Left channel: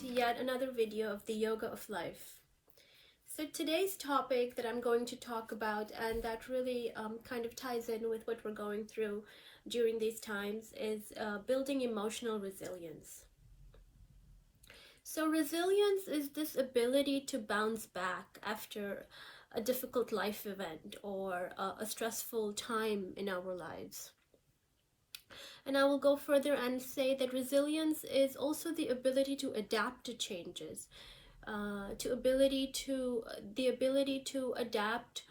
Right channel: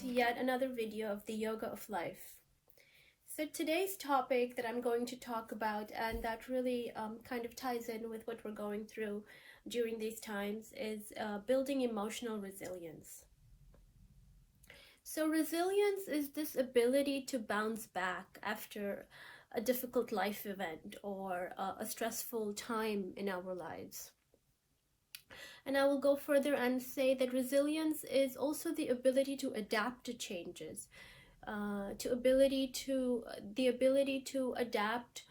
to yet another video of the Yoga of Life. So today's topic that I'm going to talk about, and that really kind of ties in with what we're going through during these times, is building emotional resilience. So resilience is this ability to bounce back after a difficult life event or a stressful time in our lives. And I will go further and say that resilience is also the ability to adapt to changes, the ability to adapt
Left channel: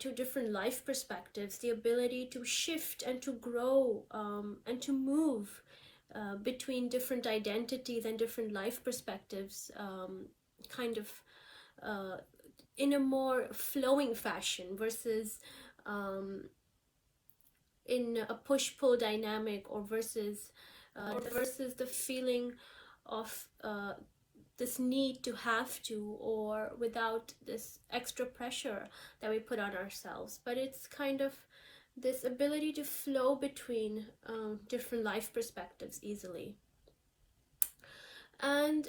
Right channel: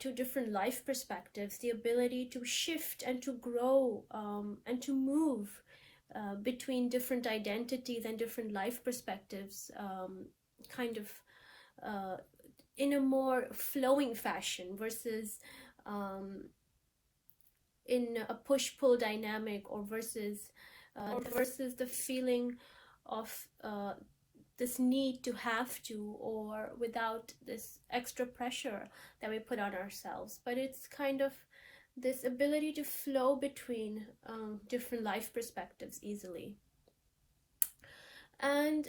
to different life perspectives, the ability to shift and to grow and to move between different identities and different life perspectives, in a more flowing fashion versus in a push-pull dynamic, or versus the feeling of this need to have to, or without this extra pressure that we put on ourselves. But it's kind of this ability to flow between different life perspectives easily. And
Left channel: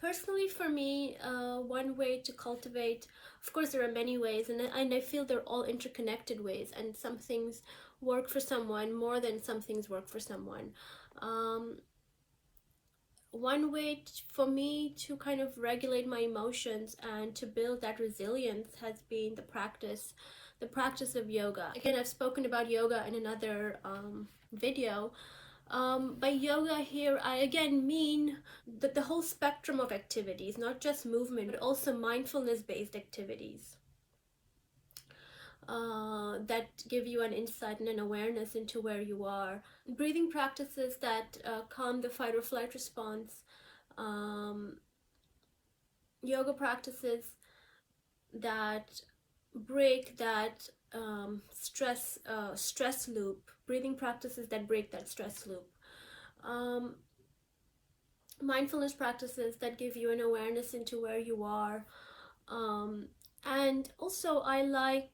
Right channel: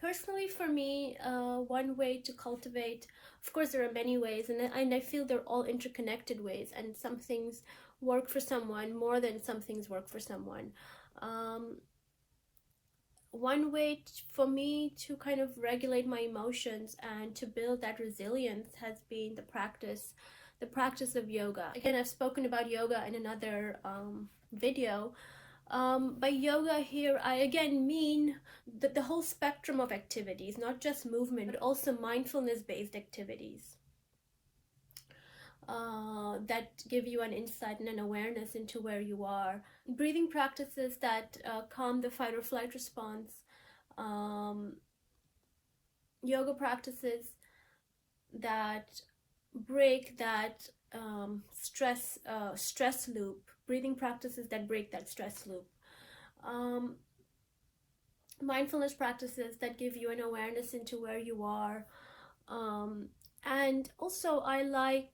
personally for me, one way to cultivate, of course there are many ways, and I feel they're all interconnected ways, and some things work for someone more than some things work for someone. One way for me to kind of regulate my emotions and to build that resilience has been the practice of yoga. Again, I've spoken about yoga in another video. By yoga here, I again mean the whole spectrum of activities, not just movement, but also mindfulness-based activities that give you an insight and an awareness into where you are. Breathing practices that calm the fight or flight response. Yoga practices that break that stress loop. Breathing practices that break that stress loop. Mindfulness practices that give you an awareness into where you are. And also I like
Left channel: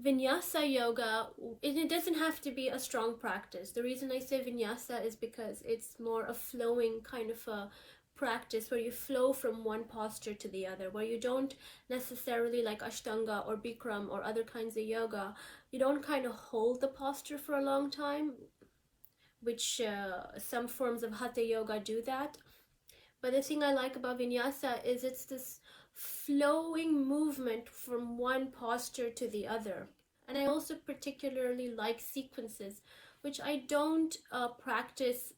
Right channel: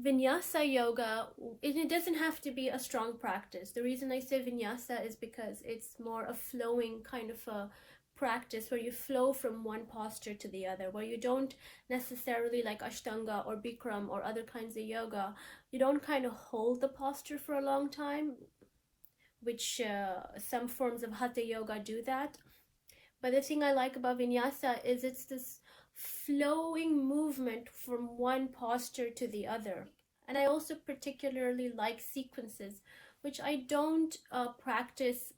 vinyasa yoga. It doesn't have to be a strong practice. The reason I say vinyasa is because it's more a flowing kind of a practice where you flow from one posture to the other, where you don't necessarily, like Ashtanga or Bikram or other kinds of yoga, you don't kind of hold the posture for a long time, which some forms of Hatha yoga do that. But the thing I like about vinyasa is it's this flowing movement from one posture to the other. And I also particularly like sequences, which I don't practice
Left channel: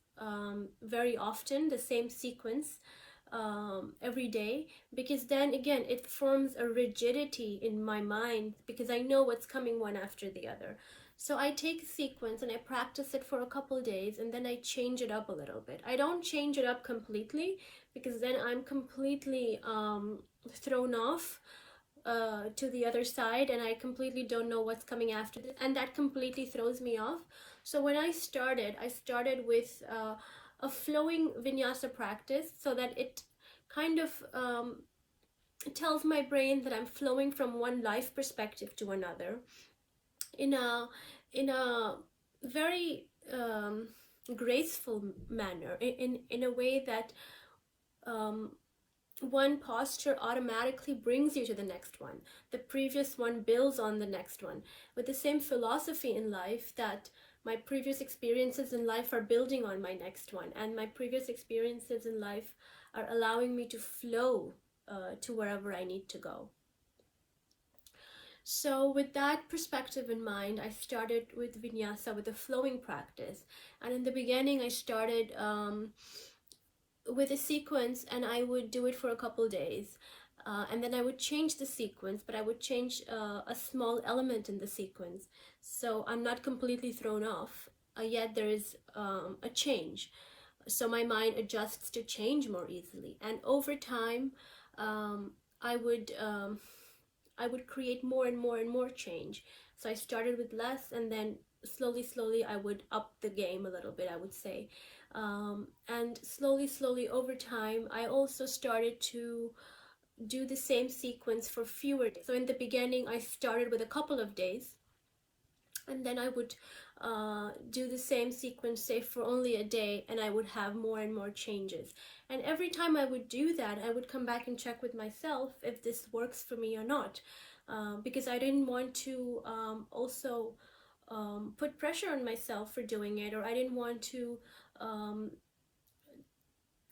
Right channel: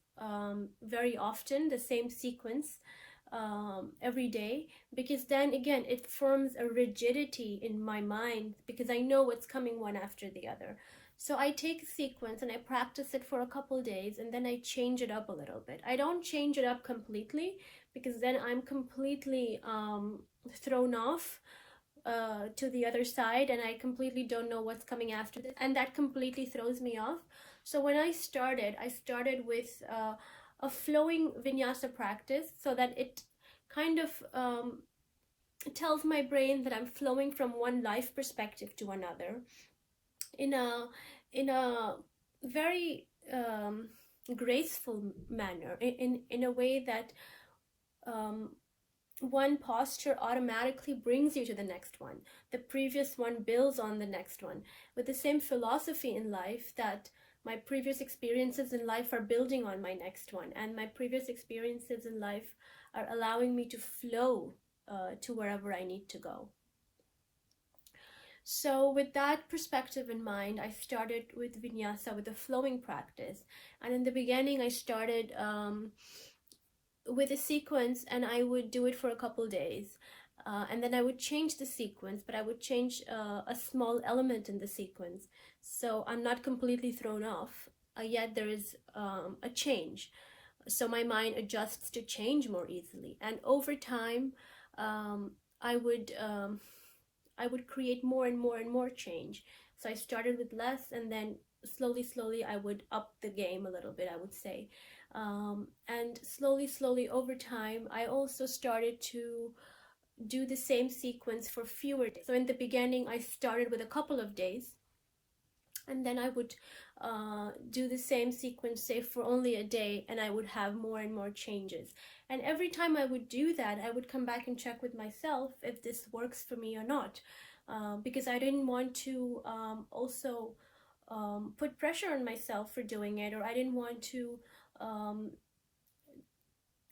very often, the same sequence every day, because then again it forms a rigidity in my mind, because I know what's coming one after the other. So I take a sequence and I practice it for a couple days, and then I change it up a little bit. I don't change it up completely, because then I'm completely thrown off to the other side, and I completely don't know what's coming after this, and that completely throws me off. So when I started with a flowing vinyasa practice, so that it kind of tells my brain that I'm flowing from one life perspective to another in a very graceful manner, in a way that one posture automatically brings you to the next one. The previous one builds on the next one, with the same philosophy in life that my previous experiences in life are building on my next one, and my previous experiences in life are allowing me to flow to wherever I need to go. So with that perspective in mind, I started with vinyasa, with a flowing practice. And in the beginning, I started with a sequence, and I would do it for a couple days. And then I would change the sequence, but I would change a small element in the sequence. So I'm not completely thrown off, yet there is a change. So my mind adjusts to change more easily. And over time, I would create more and more and more change. So I started with less, and then slowly I would up the game a little bit, I would say. And slowly over time, I also started to do the same sequence for fewer days. So in the beginning, I started with a couple of days, and then I would do the same sequence, say for only a day, and I would have more and more changes. And every time I would do that, I would come back and check with myself if this works for me or not, because I didn't want to also put pressure on myself for doing it, or I didn't want to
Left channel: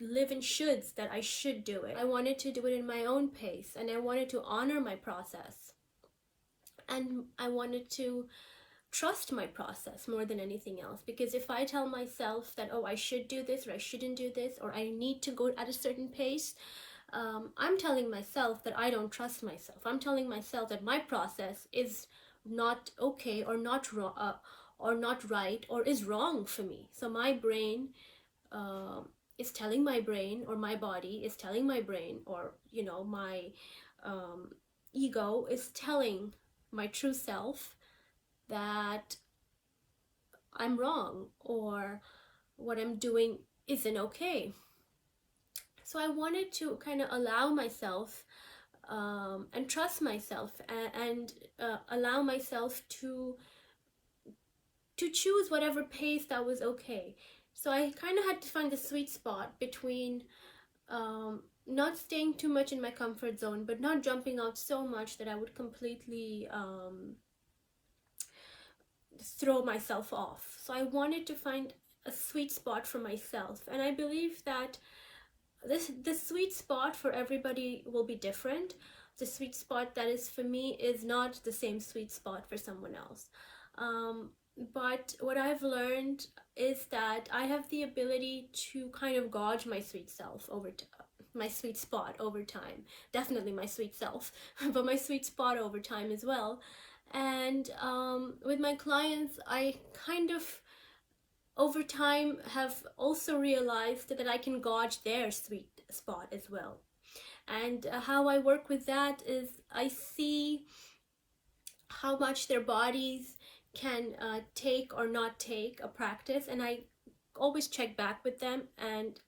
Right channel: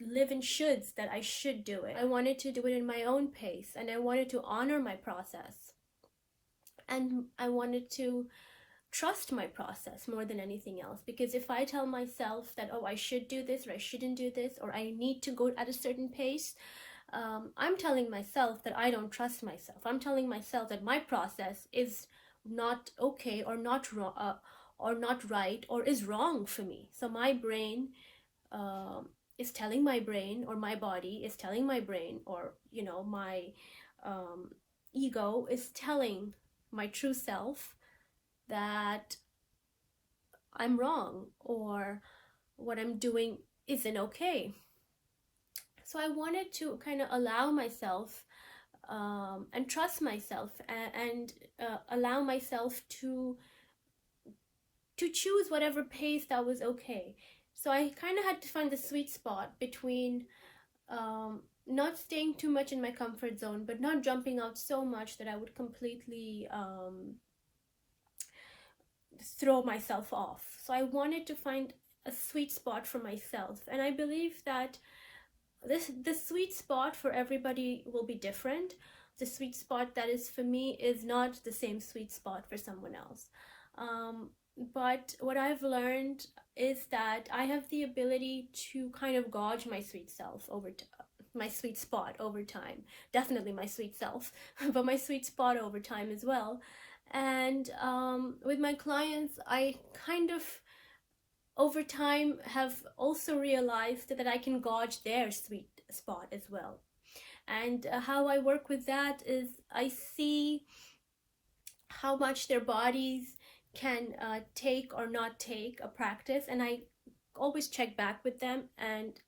live in shoulds that I should do it. I wanted to do it in my own pace, and I wanted to honor my process, and I wanted to trust my process more than anything else. Because if I tell myself that, oh, I should do this, or I shouldn't do this, or I need to go at a certain pace, I'm telling myself that I don't trust myself. I'm telling myself that my process is not okay, or not or not right, or is wrong for me. So my brain is telling my brain, or my body is telling my brain, or my ego is telling my true self that I'm wrong, or what I'm doing isn't okay. So I wanted to kind of allow myself and trust myself, and allow myself to choose whatever pace that was okay. So I kind of had to find the sweet spot between not staying too much in my comfort zone, but not jumping out so much that I would completely throw myself off. So I wanted to find a sweet spot for myself, and I believe that the sweet spot for everybody will be different. The sweet spot that is for me is not the same sweet spot for someone else. But what I've learned is that I have the ability to kind of gauge my sweet self my sweet spot over time. Definitely my sweet self, but my sweet spot over time as well. And with my clients, I kind of over time have also realized that I can gauge their sweet spot as well. And how I work with that is I see how much their bodies can take or not take a practice, and I always check back with them. And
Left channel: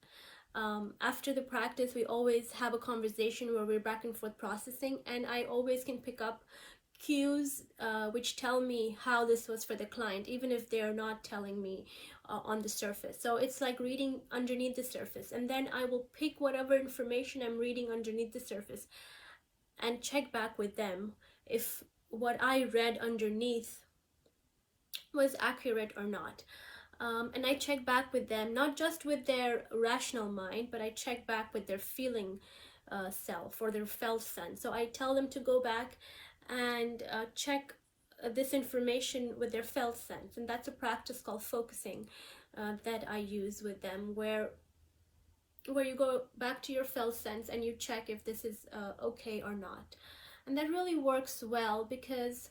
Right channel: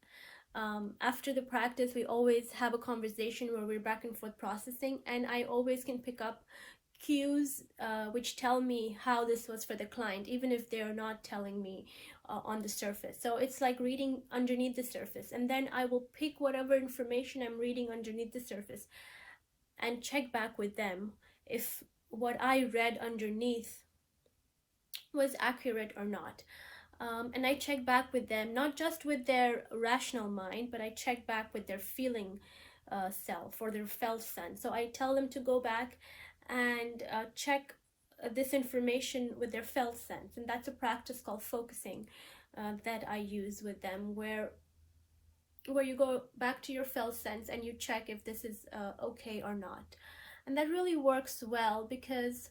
after the practice, we always have a conversation where we're back and forth processing, and I always can pick up cues which tell me how this was for the client, even if they're not telling me on the surface. So it's like reading underneath the surface, and then I will pick whatever information I'm reading underneath the surface and check back with them if what I read underneath was accurate or not. And I check back with them, not just with their rational mind, but I check back with their feeling self, or their felt sense. So I tell them to go back and check this information with their felt sense. And that's a practice called focusing that I use with them, where you go back to your felt sense and you check if this is okay or not. And that really works well, because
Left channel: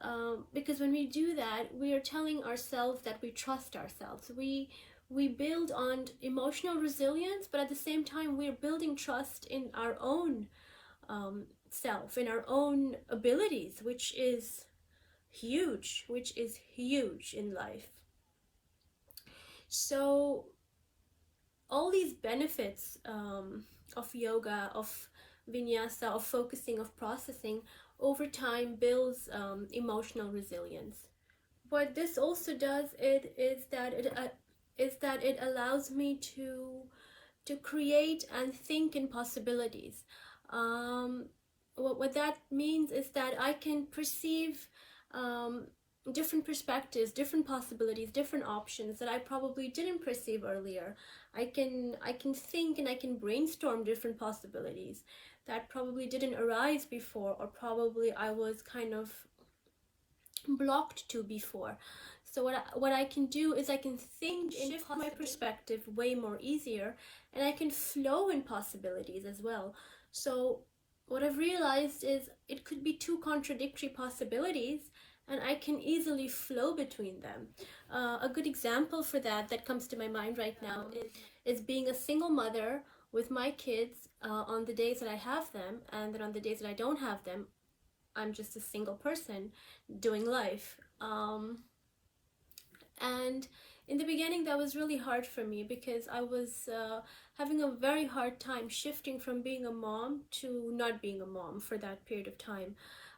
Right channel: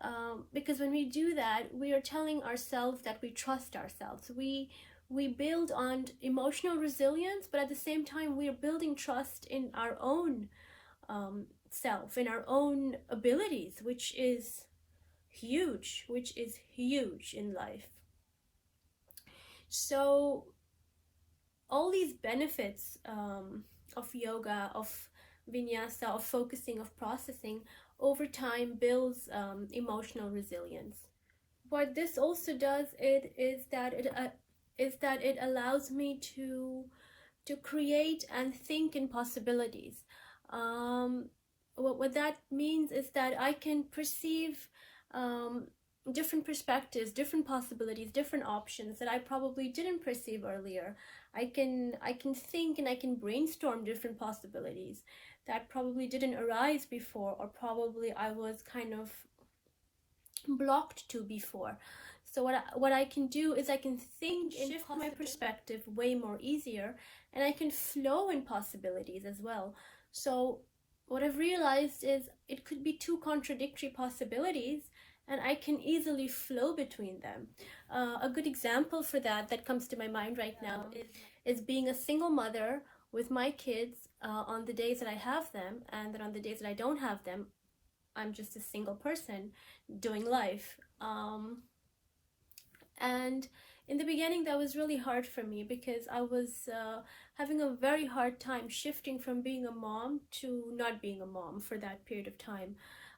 when we do that, we are telling ourselves that we trust ourselves. We build on emotional resilience, but at the same time, we're building trust in our own self, in our own abilities, which is huge in life. So all these benefits of yoga, of vinyasa, of focusing, of processing, over time builds emotional resilience. What this also does is that it allows me to create and think in possibilities. What that means is that I can perceive different perspectives, different possibilities, different options that I probably didn't perceive earlier. I can think and I can brainstorm different possibilities that probably didn't arise before, or probably I was kind of blocked to before. So what I can do is I can think and shift my perspective way more easier, and I can flow in possibilities as well. So what I've realized is it could be two contradictory possibilities, and I can easily flow between them. A good example for that comes to my mind right now is being a single mother with my kids on the days that I have them, and then on the days that I don't have them, I'm just a single person doing life. And in the beginning, that was really hard for me, because I was having a very hard time shifting from being a mom to not being a mom for that period of time.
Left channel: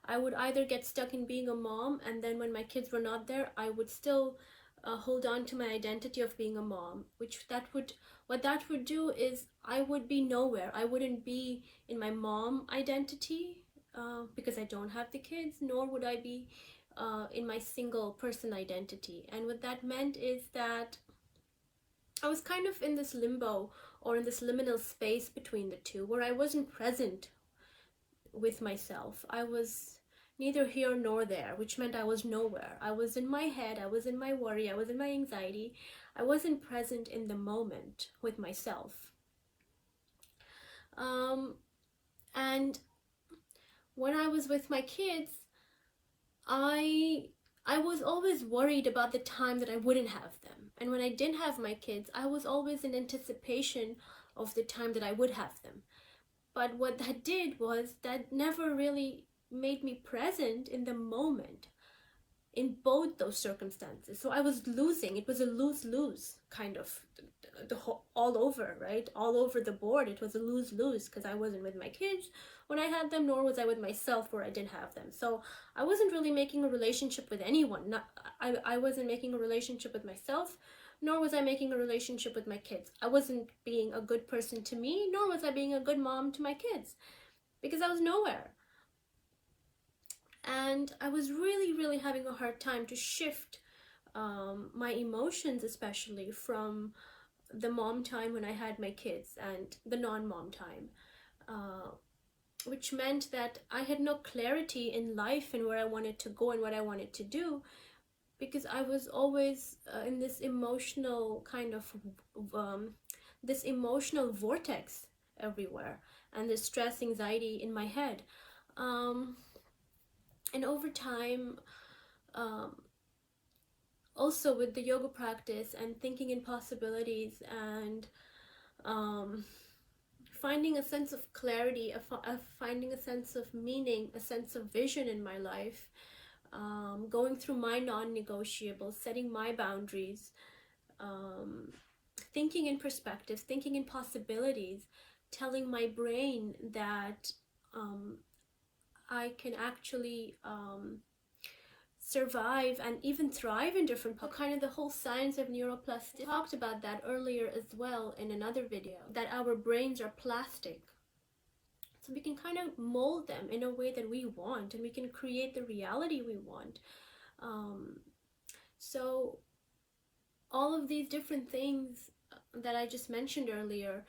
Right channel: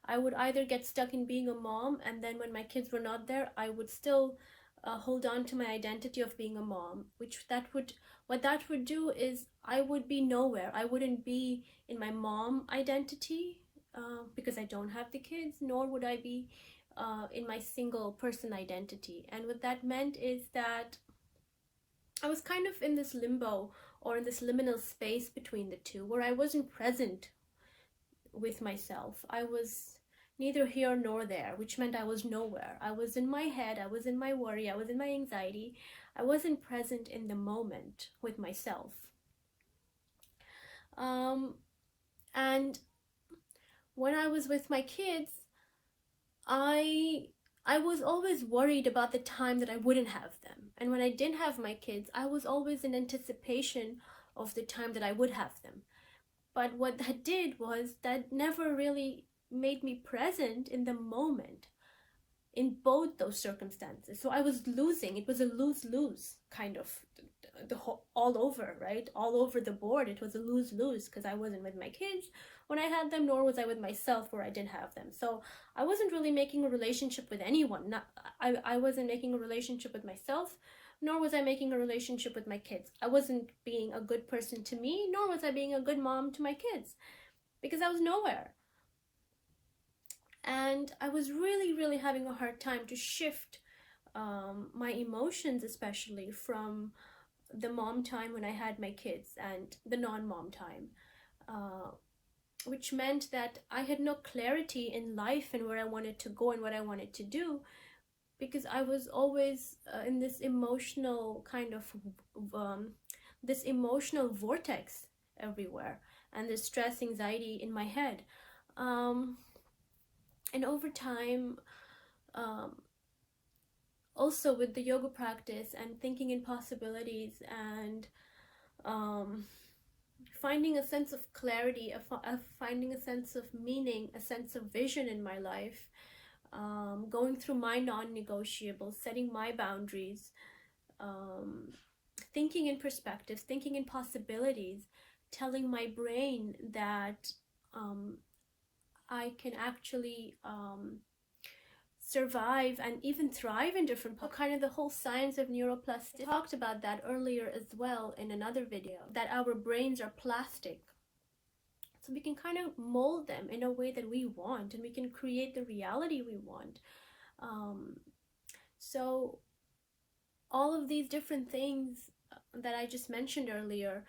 I would either get stuck in being a mom, and then when my kids were not there, I would still hold on to my identity of being a mom, what that would do is I would be nowhere. I wouldn't be in my mom identity because I don't have the kids, nor would I be in my single person identity. And what that meant is that I was kind of in this limbo, or in this liminal space between the two, where I wasn't present with myself. I was neither here nor there, which meant I was nowhere. I was in my head, I was in my worry, I was in my anxiety. I wasn't present in the moment with myself. And when I was with my kids, I was always worried about the time that I wouldn't have them. And when I didn't have my kids, I was always in anticipation of the time that I would have them. But what that did was that never really made me present in the moment in both those circumstances. So I was losing. It was a lose-lose kind of all over, right? All over the board. It was a lose-lose because I wasn't with my kids when I had them, nor was I with myself where I didn't have them. So I wasn't really making a relationship with anyone. I wasn't making a relationship with myself, nor was I making a relationship with my kids. I wasn't being a good person to me, nor was I being a good mom to my kids, because I was nowhere. And I was really, really having a hard time to shift my emotions, especially from the mom time when I had my kids and the non-mom time, which meant that I had no clarity in life and where I wanted to go and what I wanted to do, because I was always in this emotional kind of this emotional vortex everywhere, and this stress, anxiety in my head. And over time, also with the yoga practice and thinking in possibilities, and finding a sense of clarity, finding a sense of meaning, a sense of vision in my life, going through my non-negotiables, setting my boundaries, thinking in perspectives, thinking in possibilities, telling my brain that I can actually survive and even thrive in different kind of the whole science of neuroplasticity. I talked about that earlier as well in another video, that our brains are plastic, so we can kind of mold them in a way that we want, and we can create the reality we want. So all of these different things that I just mentioned earlier,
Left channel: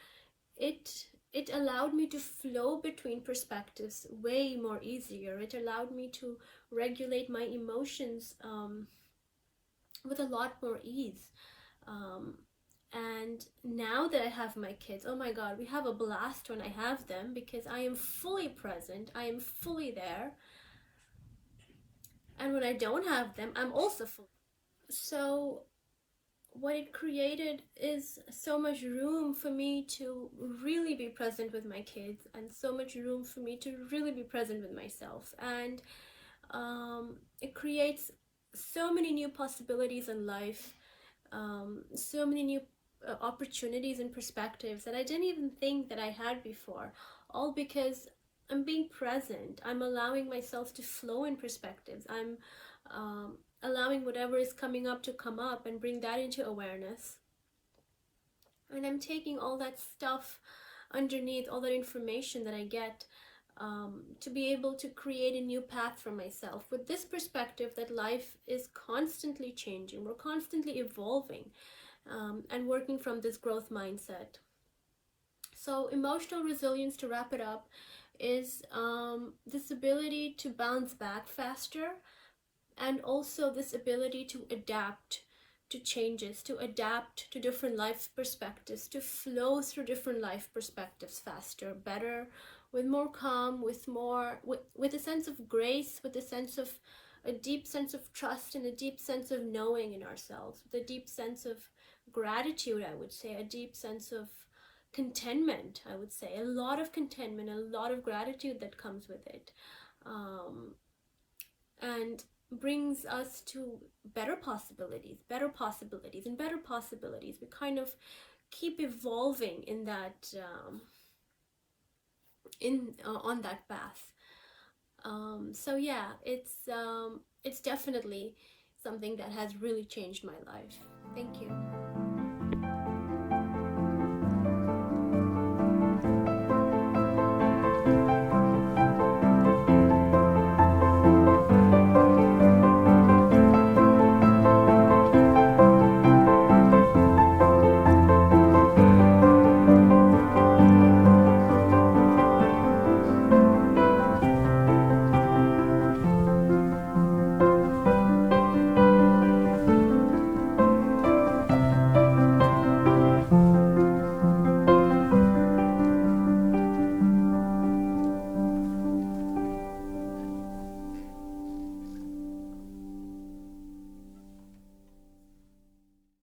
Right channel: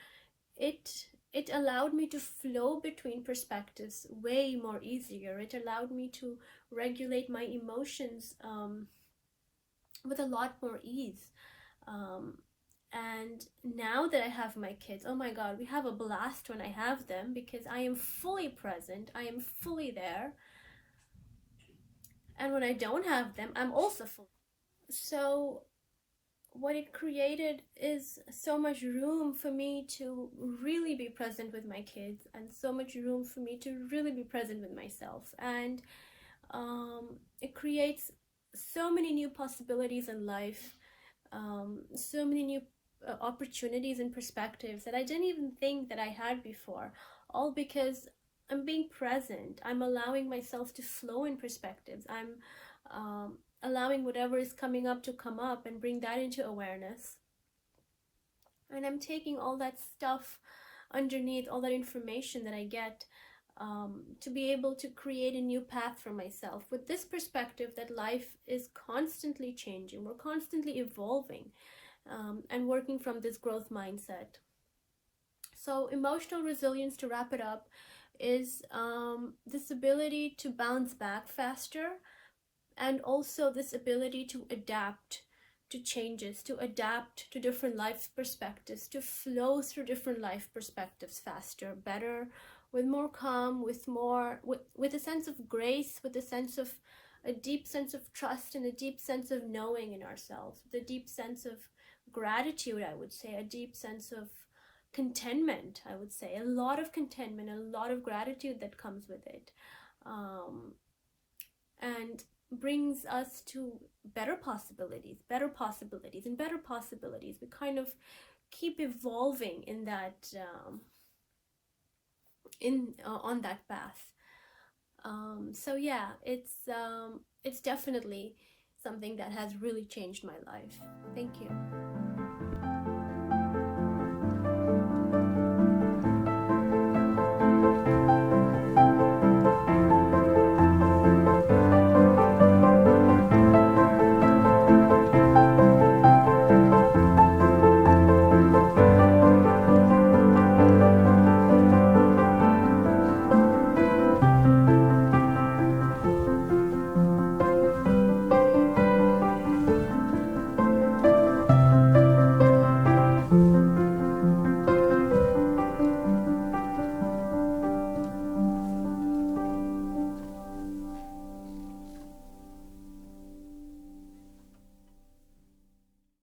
it allowed me to flow between perspectives way more easier. It allowed me to regulate my emotions with a lot more ease. And now that I have my kids, oh my God, we have a blast when I have them, because I am fully present, I am fully there. And when I don't have them, I'm also fully. So what it created is so much room for me to really be present with my kids, and so much room for me to really be present with myself. And it creates so many new possibilities in life, so many new opportunities and perspectives that I didn't even think that I had before, all because I'm being present. I'm allowing myself to flow in perspectives. I'm allowing whatever is coming up to come up and bring that into awareness. And I'm taking all that stuff underneath, all that information that I get, to be able to create a new path for myself, with this perspective that life is constantly changing. We're constantly evolving, and working from this growth mindset. So emotional resilience, to wrap it up, is this ability to bounce back faster, and also this ability to adapt to changes, to adapt to different life perspectives, to flow through different life perspectives faster, better, with more calm, with a sense of grace, with a deep sense of trust, and a deep sense of knowing in ourselves, with a deep sense of gratitude, I would say, a deep sense of contentment, I would say, a lot of contentment, a lot of gratitude that comes with it, and brings us to better possibilities, and better possibilities. We kind of keep evolving in that on that path. So yeah, it's definitely something that has really changed my life. Thank you.